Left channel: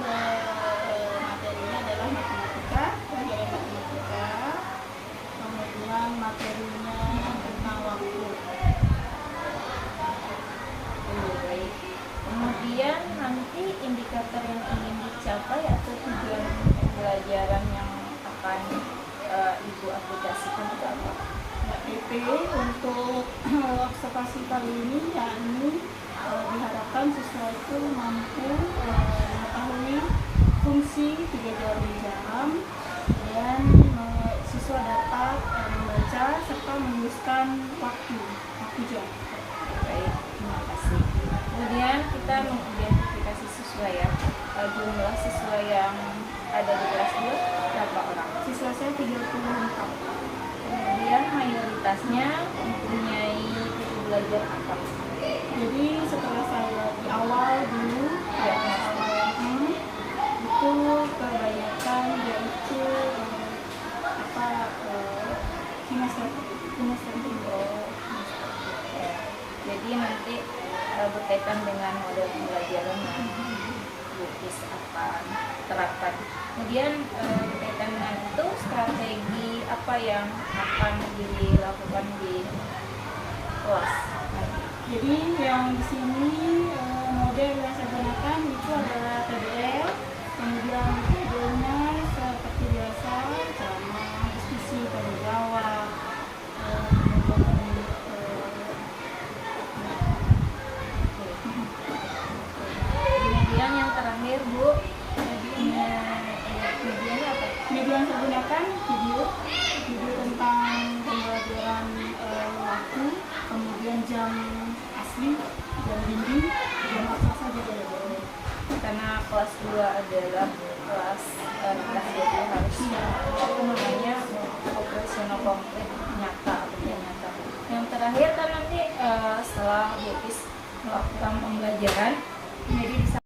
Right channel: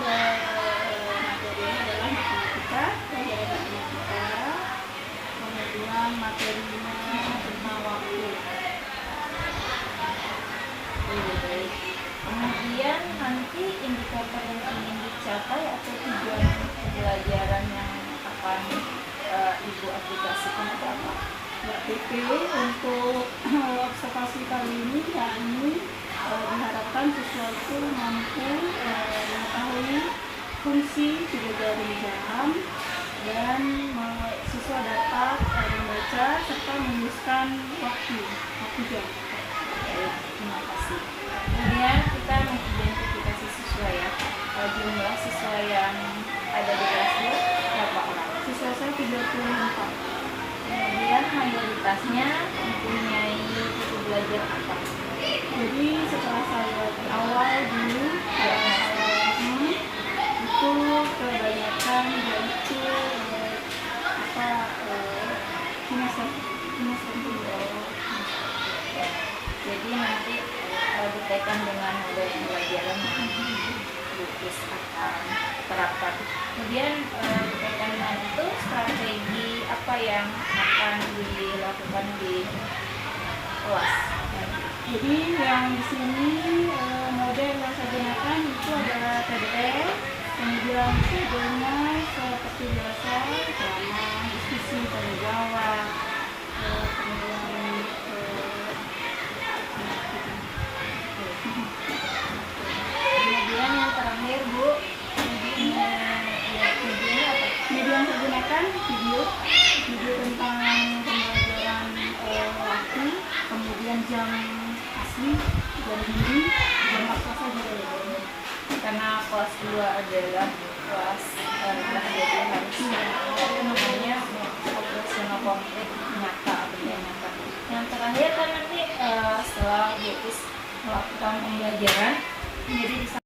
materinya adalah matematika, pelajaran matematika, kemudian materinya tentang waktu. Kemudian nanti indikator yang ingin dicapai atau tujuan pembelajaran yang akan Ibu aplikasikan itu apa? Mbak Pipi, untuk observasi kali ini yakni diharapkan siswa itu mampu mengetahui fungsi 3 jari jam dan siswa dapat membaca serta menuliskan waktu jam. Baik, terima kasih. Kemudian kita mengidentifikasi siswa ya. Jumlah siswa yang ada di kelas 2 berapa orang? Siswa saya 34. Kemudian mayoritasnya mempunyai buku belajar apa? Jadi setelah saya lihat di awal dulu Ya, itu kebanyakan yaitu kinestetik. Jadi nanti berkaitan dengan model pembelajaran yang Bukis akan terapkan. Kemudian berkaitan dengan itu, strategi apa yang akan dilakukan di kelas? Jadi yang di sini model yang saya gunakan itu adalah PDF, kemudian videonya seperti biasa, ceramah, diskusi, tanya jawab, Kemudian yang terakhir Bu, medianya apa? media yang saya gunakan video tentang pembelajaran waktu, kemudian jam asli, jam dinding, jam apa juga ya. Karena kelas 2 adalah kelas jadi harus operasional konkret nyata atau tidak nyata. Yang terakhir kan nanti setelah Bukis melakukan pembelajaran, jadi bisa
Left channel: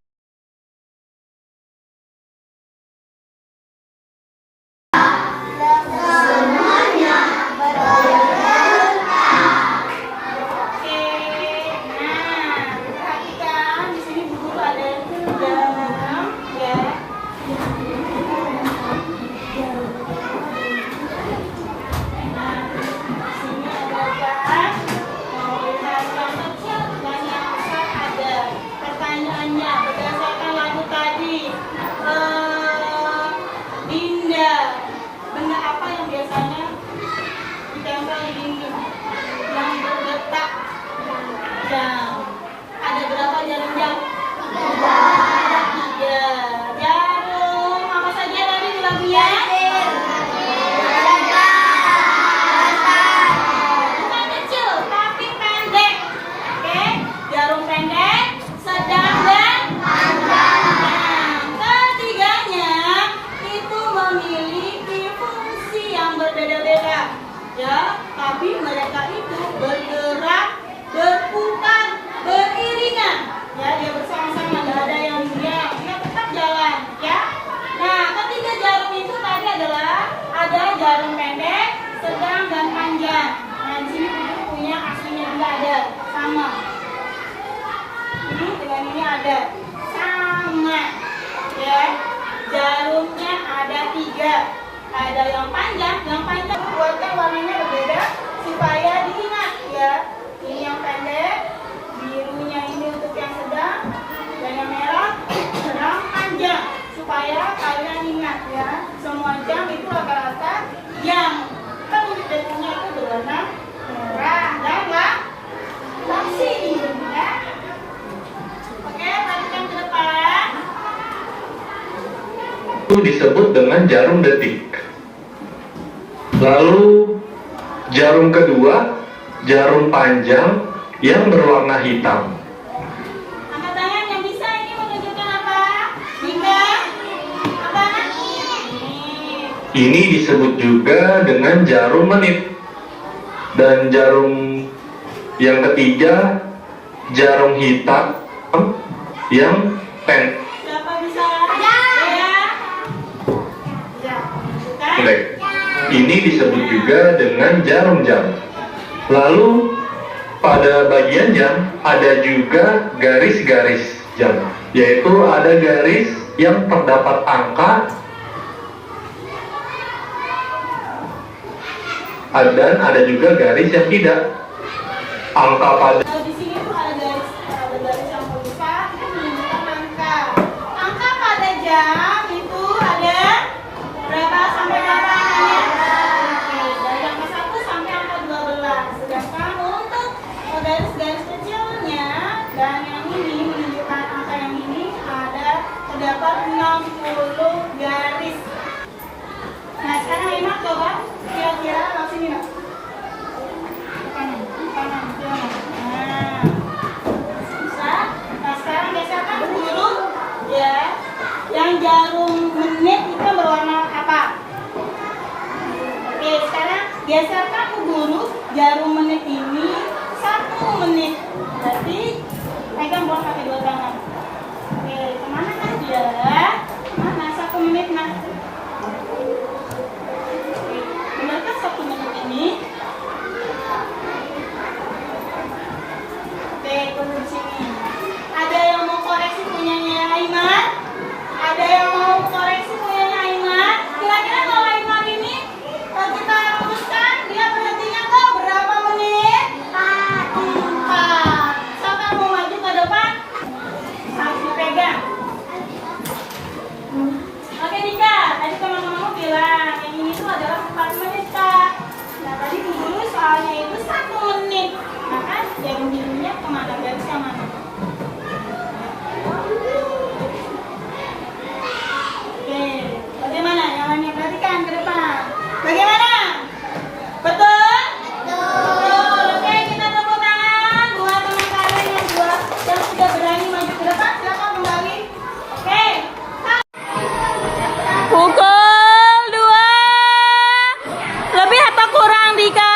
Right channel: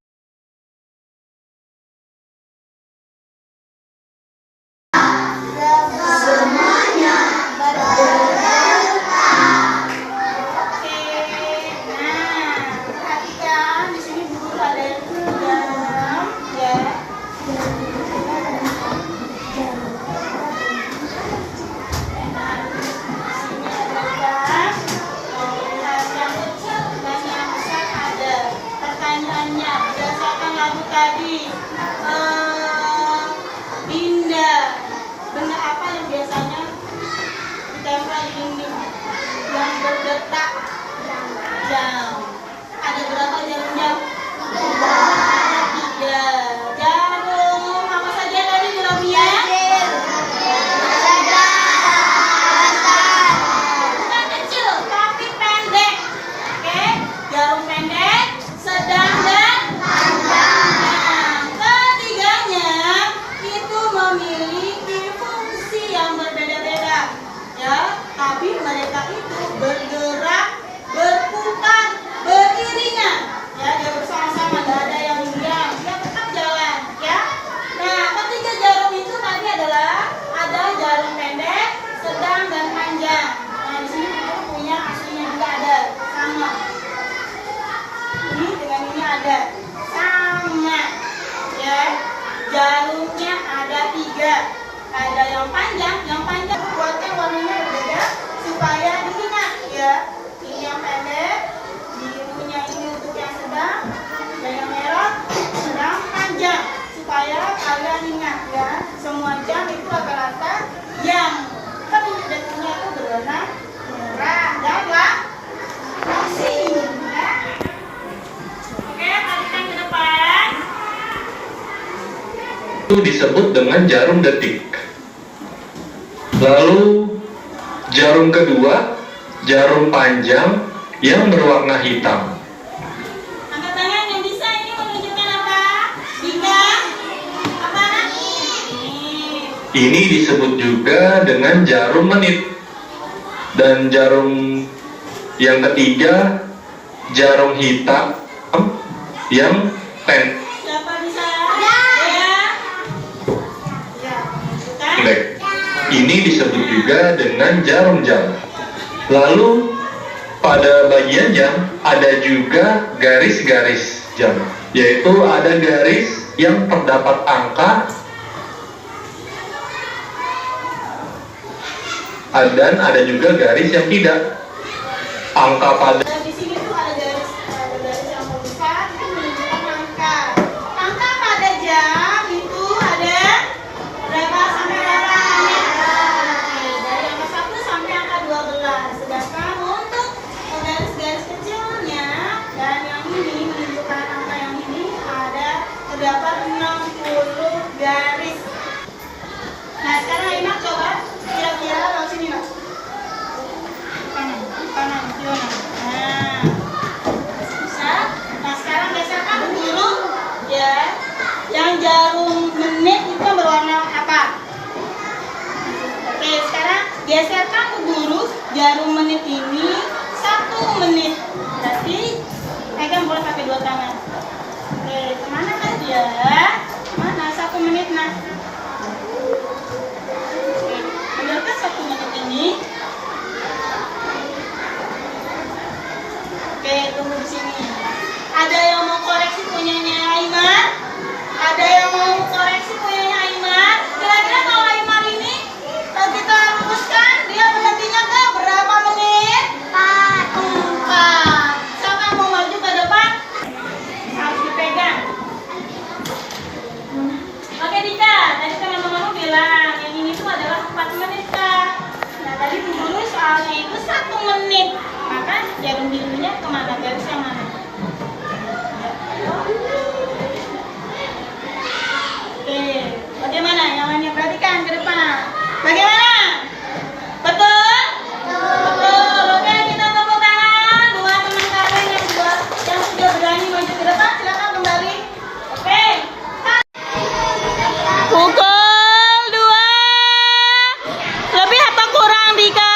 ada berapa jarumnya? Ada 3 jarum. Apa saja tadi bilangnya? Bukan kecil, tapi pendek. Oke, jarum pendek, sedang dan panjang. Ketiganya itu memiliki fungsi yang berbeda-beda, ya. Tapi mereka itu bergerak, berputar, beriringan, ya, dia bersama-sama, nggak ada yang diam, dia tetap jalan, ya. Nah, ketiga jarum itu tadi adalah ada jarum pendek, sedang dan panjang. Nah, di sini kita punya aslinya juga ada, sama. Ini dengan ini ada, sama, ya. Jarumnya ada 3, ada yang panjang buatnya warnanya berbeda supaya diingat, ya. Ini yang pendek, birunya ini untuk yang sedang, dan yang merah yang panjang, supaya kalian ingat, ya. Semua jam itu rata-rata yang detiknya itu berwarna merah dan langsing, ya. Oke, perhatikan ke depan. Itu disebut dengan jarum detik. Lalu jarum kedua, jarum panjang yang berwarna hitam. Angkat tangan yang bisa, ini menunjukkan apa? Bintang apa? Ini disebut juga dengan jarum menit. Dan jarum yang ketiga, jarum hitam yang pendek. Siapa bisa? Ya. Ya. Kan? Ini disebut juga dengan jarum jam. Lalu pada bagian jam ada juga garis-garis jam, yaitu ada garis yang terdapat angka dan ada juga garis yang tidak. Angka pada Nah, di sini tuh ada garis yang besar itu menunjukkan angka. Angka pada jam itu ada berapa sampai berapa angkanya? Oke, dari angka 1 sampai angka 12. Sedangkan untuk garis-garis kecilnya dan yang ini menunjukkan angka yang ini terdapat 60 garis. Nah, sekarang Ima coba kira-kira langsung sini, Mas. Kanan, kanan. Nah, bisa. Nah, sekarang geserkan guru ya. Yang jarum menit itu yang berwarna apa? Oke, sekarang geserkan ke guru jarum menit ini 1 menit. Berarti pegang bola pakai 2 tangan. Oke, kemana kan dia? Mana 1 menit nah? Oke, benarkah 1 menit ini? Oke, tunggu di sini. Ada yang mau koreksi punyanya Aimar? Ada yang mau koreksi punyanya Aimar? Kira-kira kalau Aimar ini kita luruskan, dia berhentinya ke berapa menit? 4. Siapa yang mau maju ke depan? Harus dipegang. Oke Dika, tadi teman-temanmu bilang yang ini tuh adalah 4 menit Kak. Nah tadi dulu soalnya itu 1 menit. Maka jarum birunya kemana? Garis yang mana? Oke, bagaimana? Yang lainnya perhatikan ke depan. Bagaimana? Betul? Betul. Oke, kita tepuk tangan buat teman kalian yang sudah berani maju ke depan. Silakan kembali. Oke. Pukul 2. Lebih atau kurang Dika?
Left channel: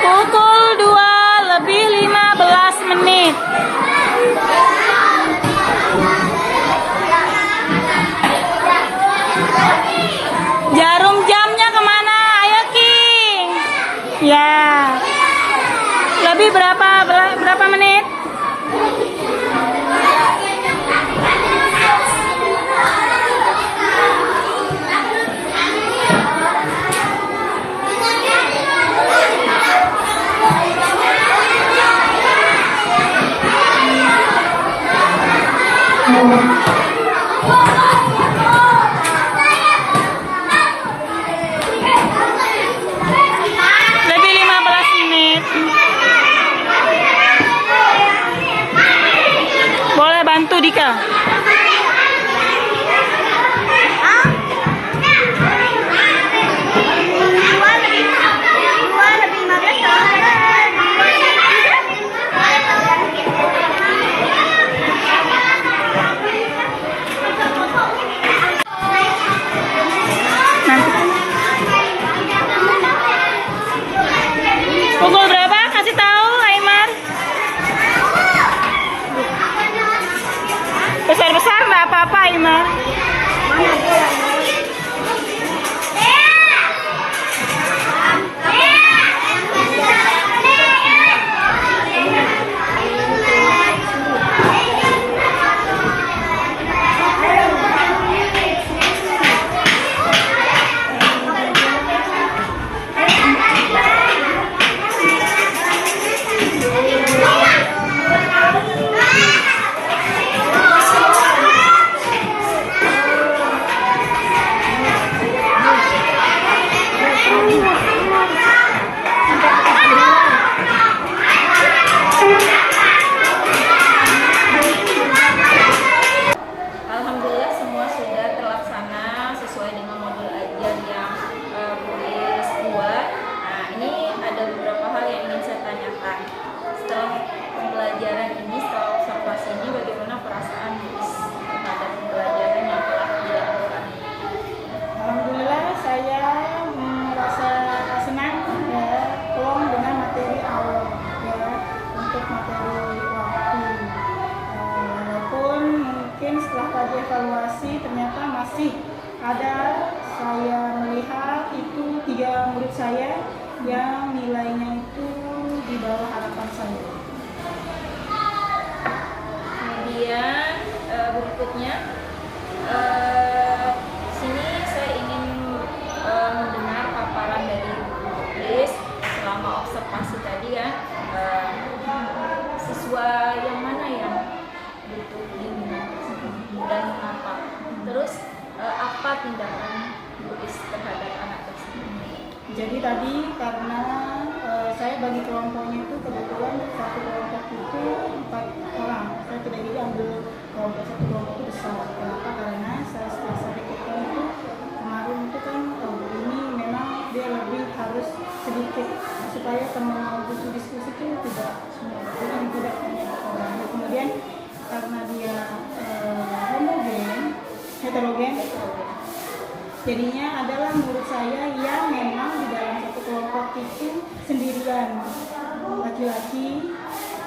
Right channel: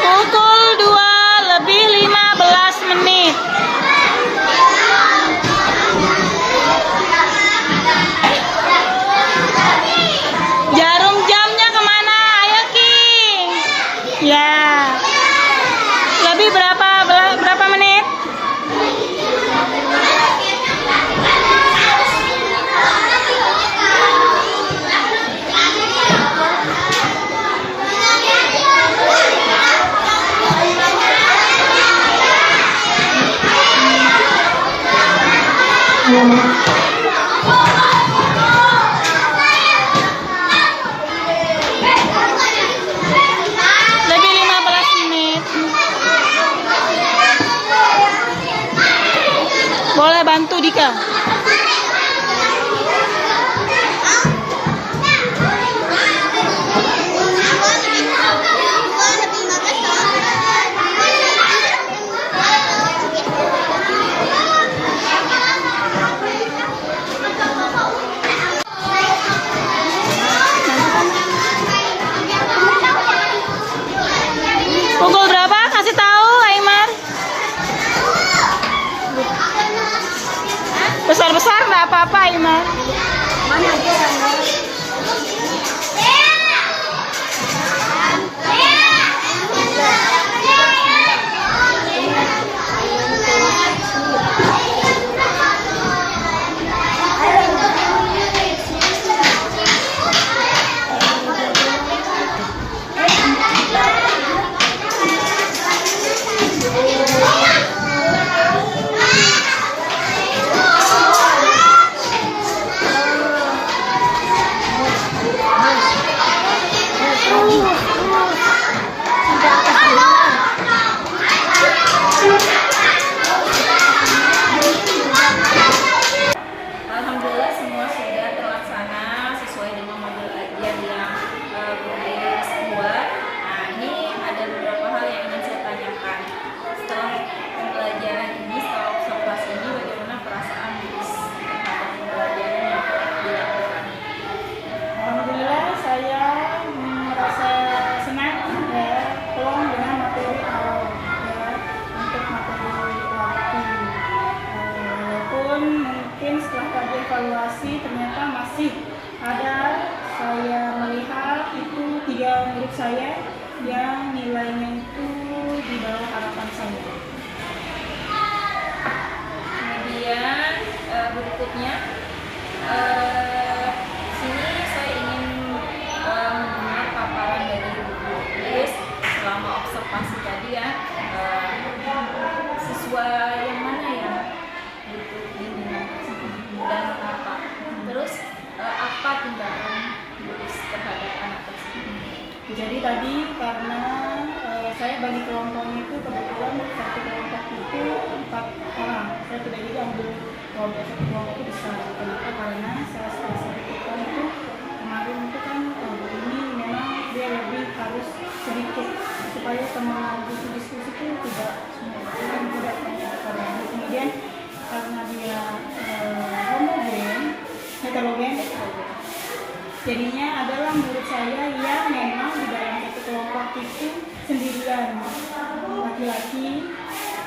Pukul 2 lebih 15 menit. Jarum jamnya kemana? Ayo Ki. Ya. Lebih berapa menit? Lebih 15 menit. Boleh bantu Dika? Pukul berapa? Kasih tahu Aimar. Besar-besar nggak apa-apa Aimar. Alhamdulillah semua sudah terlaksana sesuai dengan modul ajar yang kelas 2. Nah ini ada beberapa hal yang ingin saya tanyakan. Setelah pembelajaran ini, setelah observasi ini, bagaimana perasaan Miss terhadap pembelajaran yang telah dilakukan? Alhamdulillah saya merasa senang ya, plong dengan materi awal ya, untuk materi waktu. Walaupun mungkin setelah tadi evaluasi ternyata masih ada, saya melihat itu 3 murid saya yang nilainya itu di bawah harapan saya. berikutnya, sini saya ingin mendengar paparan dari Bu Iis selama observasi tadi ya. Siswa yang mana yang butuh bimbingan dan mengapa? Terus apa tindakan Bu Iis terhadap anak tersebut? Jadi tadi karena saya bagi kelompoknya itu kebetulan satu kelompok itu 4 orang. Saya tidak jadi ambil kelompok satu kelompok itu besar. Kenapa? Karena setelah saya pikirkan itu kemarin itu kan ini memang dia lebih harus sedikit supaya teman buku diskusi itu tidak banyak orang. Kemudian karena dia heterogen, jadinya adalah menurut saya yang memang di dalam satu kelompok itu sendirian laki-laki.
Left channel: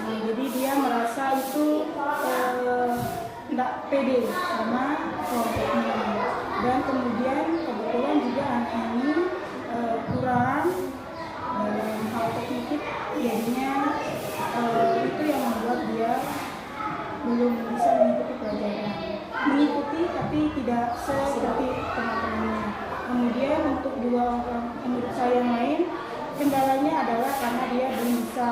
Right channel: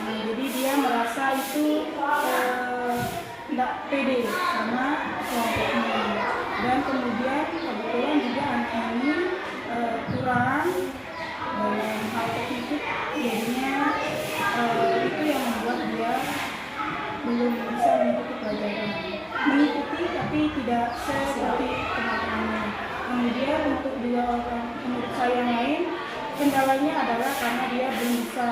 Nah, jadi dia merasa itu tidak pede sama kelompoknya. Dan kemudian kebetulan juga anak ini kurang dalam hal kognitif, jadinya itu yang membuat dia belum bisa mengikuti pelajaran. Mengikuti tapi tidak seperti teman-temannya. Kemudian untuk 2 orang menurut saya yang lain, kendalanya adalah karena dia belum bisa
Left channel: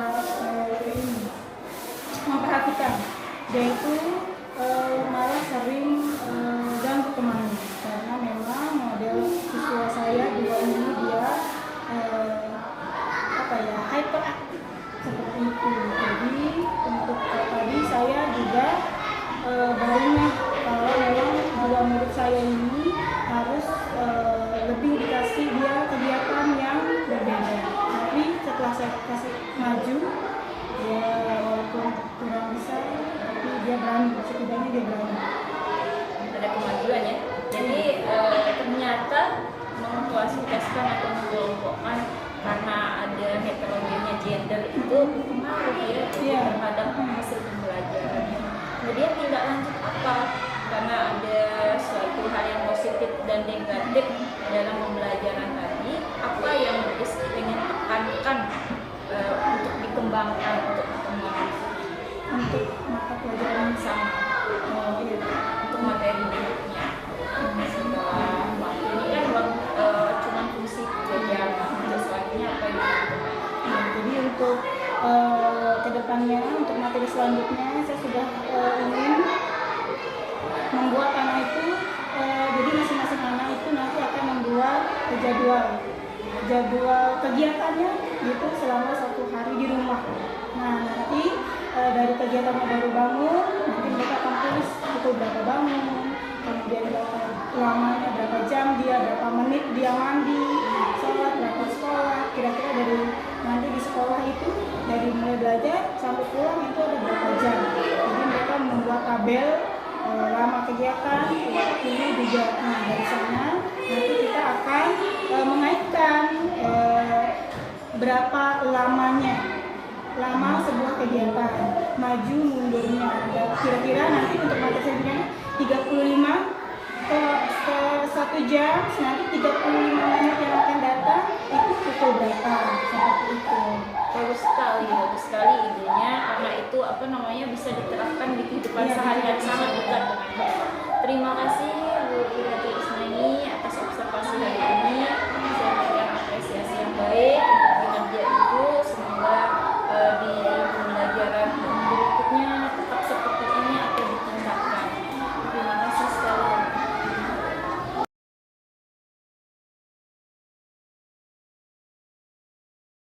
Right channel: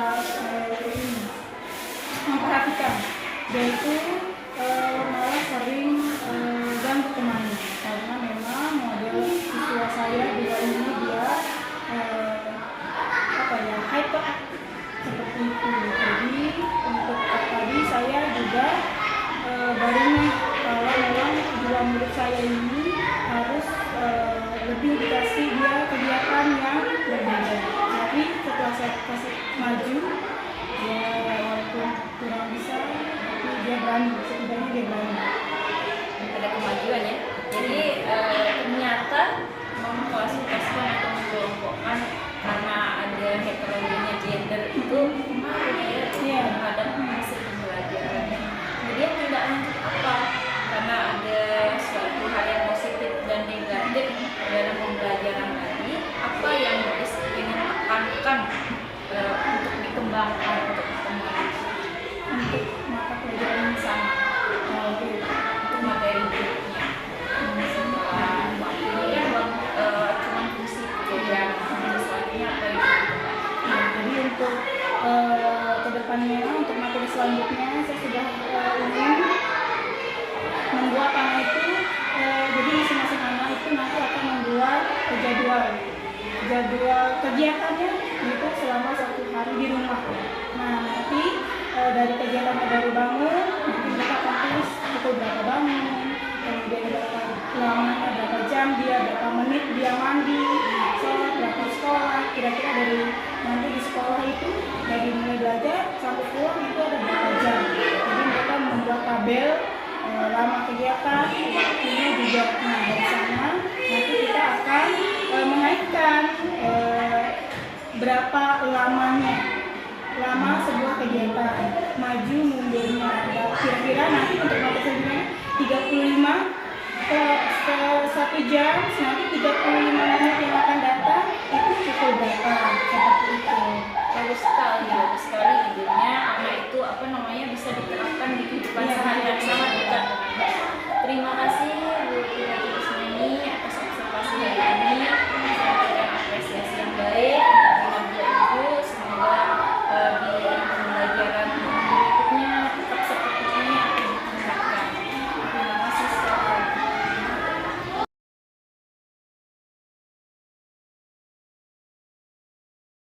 memperhatikan. Dia itu malah sering ganggu temannya karena memang model siswa saya 2 ini dia hyperaktif seperti itu. Jadi untuk tadi saya juga barunya kalau memang 2 murid saya ini harus lebih dikasih dia kegiatan yang berbeda. Tapi setelah saya kasih maju, ya walaupun kurang bisa, tapi dia berani, setidaknya dia berani. Ada kemajuan ya. Jadi ternyata mengklasifikasikan atau mengelompokkan karena ada heterogennya gender itu pengaruh ya terhadap hasil pembelajaran. Kemudian tindak lanjut apa? Karena ada suatu hal yang positif dan negatif dalam pembelajaran tadi, apa yang harus ingin tekankan untuk dikembangkan untuk mata pelajaran sama untuk materi berikutnya. Setelah waktu ini kan cuma fungsi pekerjaan, selanjutnya apa yang Nah, jadi untuk kedepannya, untuk materi selanjutnya saya sudah ingin membuat anak itu, jadi masing-masing anak itu nanti akan membuat jadwal kegiatannya gitu selama 1 hari di rumah. Nah, nanti dari kegiatannya baru bangun, nanti mereka akan tulis pukul berapa bangun, kemudian berapa lamanya, berapa jam dia, berapa menit dia mandi, sholat, berapa sekolah, kira-kira dari nanti di sekolah itu dari mulai belajar sampai pulang itu ada berapa jam. Jadi mereka membuat tabel lama kegiatan, waktunya juga. Nah, dari sana nanti kita akan mengaitkan berapa lama sebuah kegiatan, maju mundurnya. Kira-kira nanti untuk materi selanjutnya 35 ke 1 jam, nanti 35 menit yang akan datang itu pukul berapa, seperti itu. bagus sekali idenya. Anak itu bisa diterapkan di kehidupan sehari-hari sangat dekat dengan Bapak. Terima kasih